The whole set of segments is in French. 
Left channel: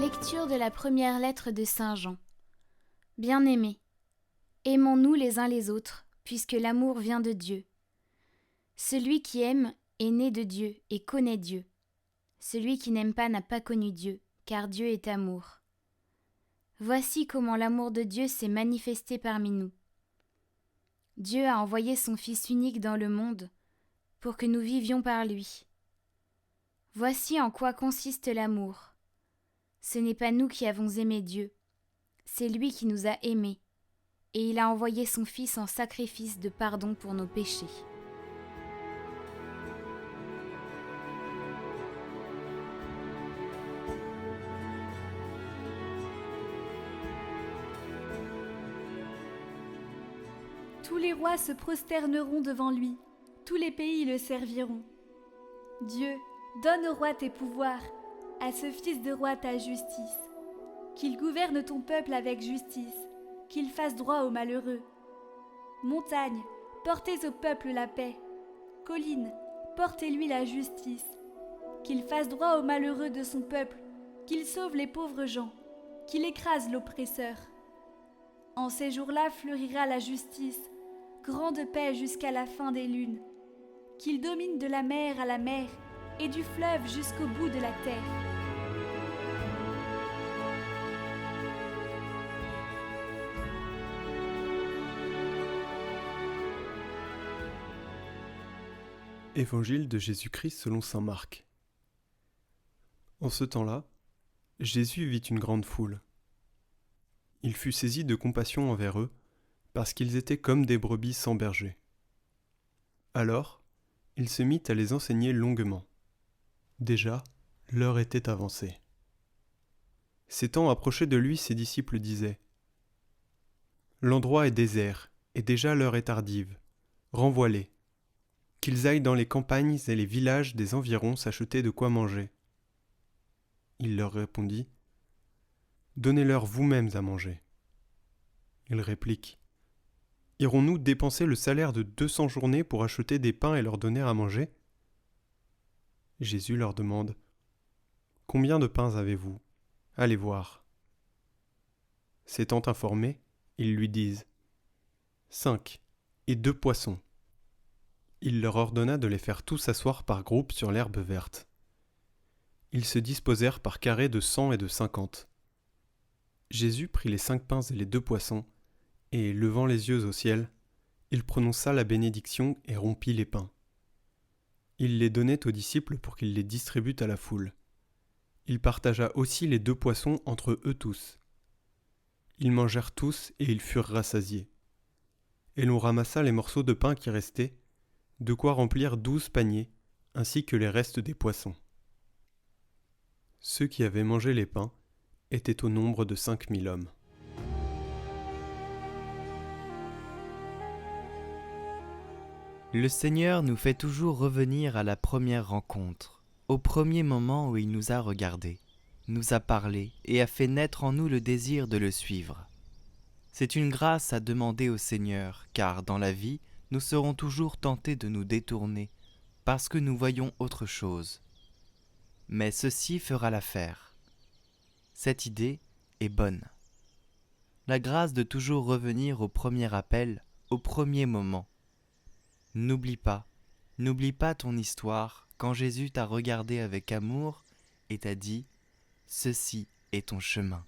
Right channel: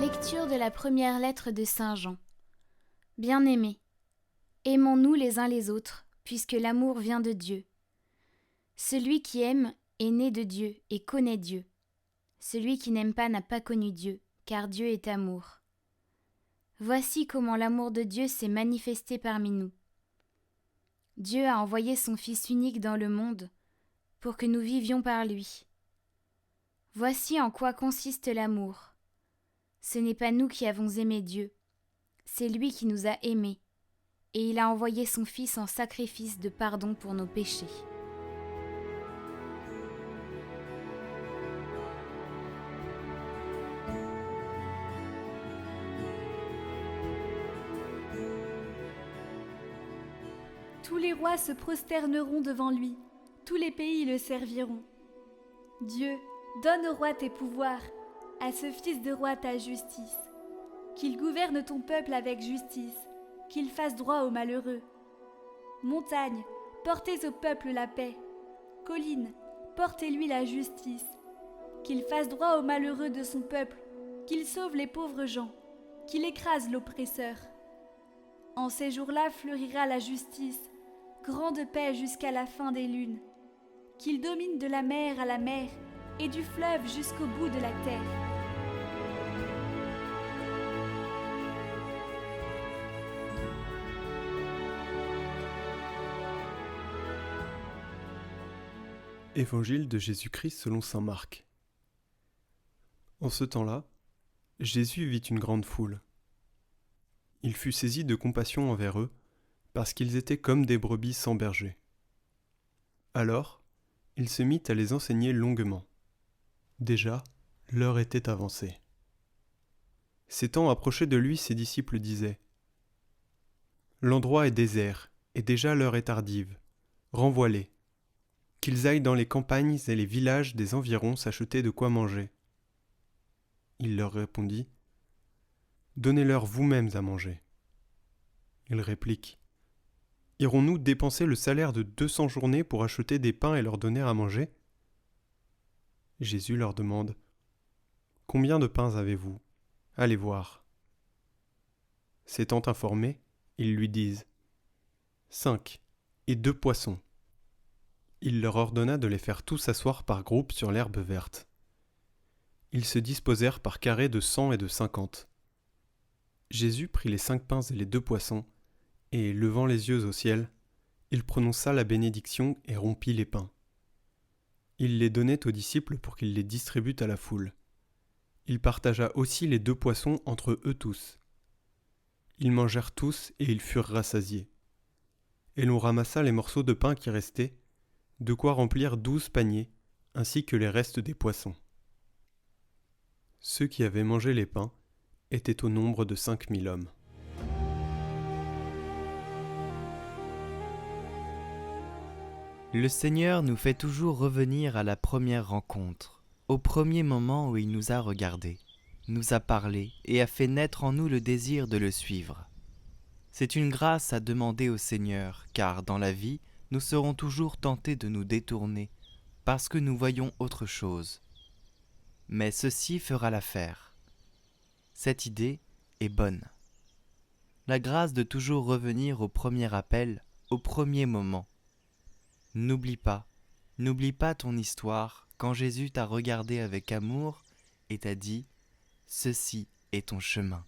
Lecture de la première lettre de Saint Jean. Bien-aimés, aimons-nous les uns les autres, puisque l'amour vient de Dieu. Celui qui aime est né de Dieu et connaît Dieu. Celui qui n'aime pas n'a pas connu Dieu, car Dieu est amour. Voici comment l'amour de Dieu s'est manifesté parmi nous. Dieu a envoyé son Fils unique dans le monde pour que nous vivions par lui. Voici en quoi consiste l'amour. Ce n'est pas nous qui avons aimé Dieu, c'est lui qui nous a aimés, et il a envoyé son Fils en sacrifice de pardon pour nos péchés. Tous les rois se prosterneront devant lui, tous les pays le serviront. Dieu, donne au roi tes pouvoirs, à ce fils de roi ta justice. Qu'il gouverne ton peuple avec justice, qu'il fasse droit aux malheureux. Montagnes, portez au peuple la paix. Collines, portez-lui la justice. Qu'il fasse droit aux malheureux de son peuple, qu'il sauve les pauvres gens, qu'il écrase l'oppresseur. En ces jours-là fleurira la justice, grande paix jusqu'à la fin des lunes. Qu'il domine de la mer à la mer et du fleuve jusqu'au bout de la terre. Évangile de Jésus-Christ selon saint Marc. En ce temps-là, Jésus vit une grande foule. Il fut saisi de compassion envers eux, parce qu'ils étaient comme des brebis sans berger. Alors, il se mit à les enseigner longuement. Déjà, l'heure était avancée. S'étant approché de lui, ses disciples disaient : « L'endroit est désert, et déjà l'heure est tardive. Renvoie-les, qu'ils aillent dans les campagnes et les villages des environs s'acheter de quoi manger. » Il leur répondit : « Donnez-leur vous-mêmes à manger. » Ils répliquent : « Irons-nous dépenser le salaire de 200 journées pour acheter des pains et leur donner à manger ?» Jésus leur demande : « Combien de pains avez-vous ? Allez voir. » S'étant informés, ils lui disent : « 5, et 2 poissons. » Il leur ordonna de les faire tous s'asseoir par groupes sur l'herbe verte. Ils se disposèrent par carrés de 100 et de 50. Jésus prit les 5 pains et les 2 poissons, et, levant les yeux au ciel, il prononça la bénédiction et rompit les pains. Il les donnait aux disciples pour qu'ils les distribuent à la foule. Il partagea aussi les 2 poissons entre eux tous. Ils mangèrent tous et ils furent rassasiés. Et l'on ramassa les morceaux de pain qui restaient, de quoi remplir 12 paniers, ainsi que les restes des poissons. Ceux qui avaient mangé les pains étaient au nombre de 5000 hommes. Le Seigneur nous fait toujours revenir à la première rencontre, au premier moment où il nous a regardés, nous a parlé et a fait naître en nous le désir de le suivre. C'est une grâce à demander au Seigneur, car dans la vie, nous serons toujours tentés de nous détourner, parce que nous voyons autre chose. Mais ceci fera l'affaire. Cette idée est bonne. La grâce de toujours revenir au premier appel, au premier moment. N'oublie pas ton histoire quand Jésus t'a regardé avec amour et t'a dit « Ceci est ton chemin ».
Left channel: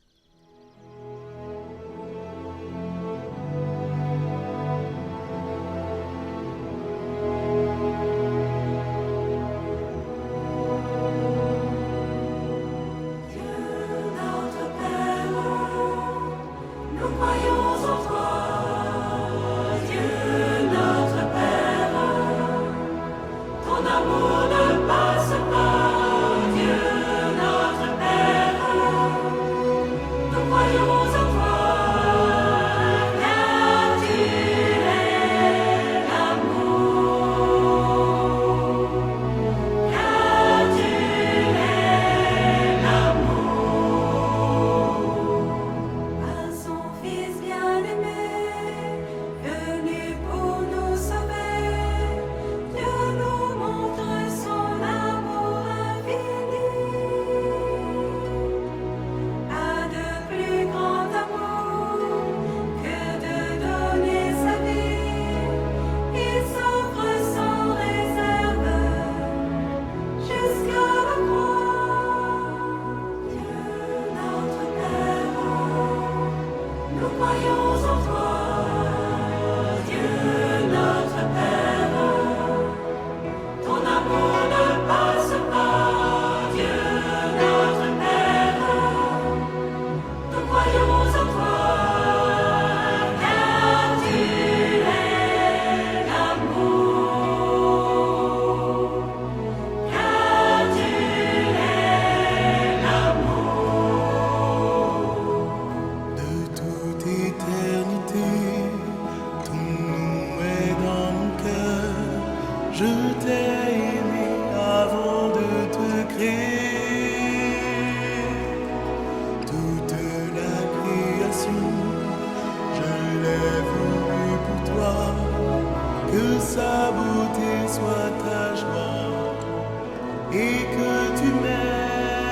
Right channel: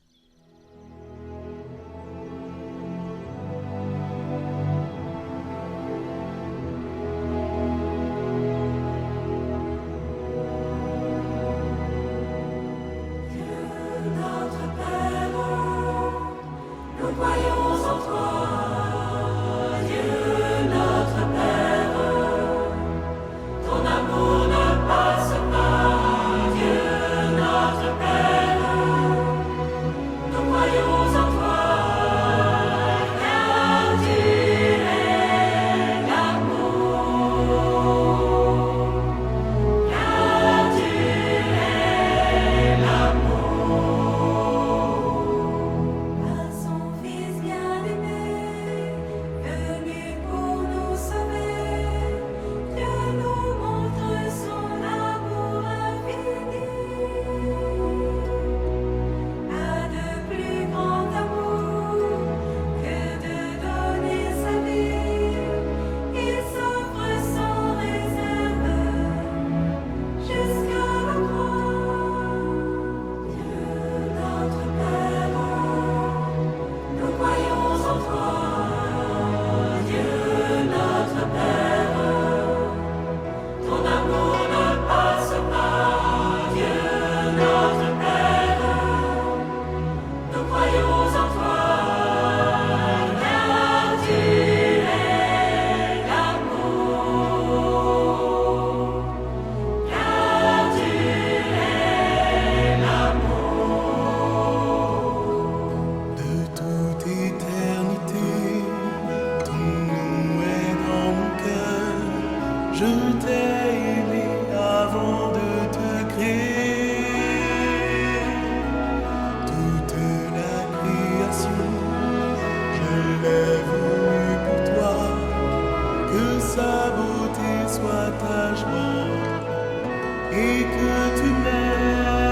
l'éternité, ton nom est dans mon cœur. Je t'ai aimé avant de te créer. Toute la création, je l'ai voulu pour toi. Que sa beauté soit ta joie et que tu m'aimes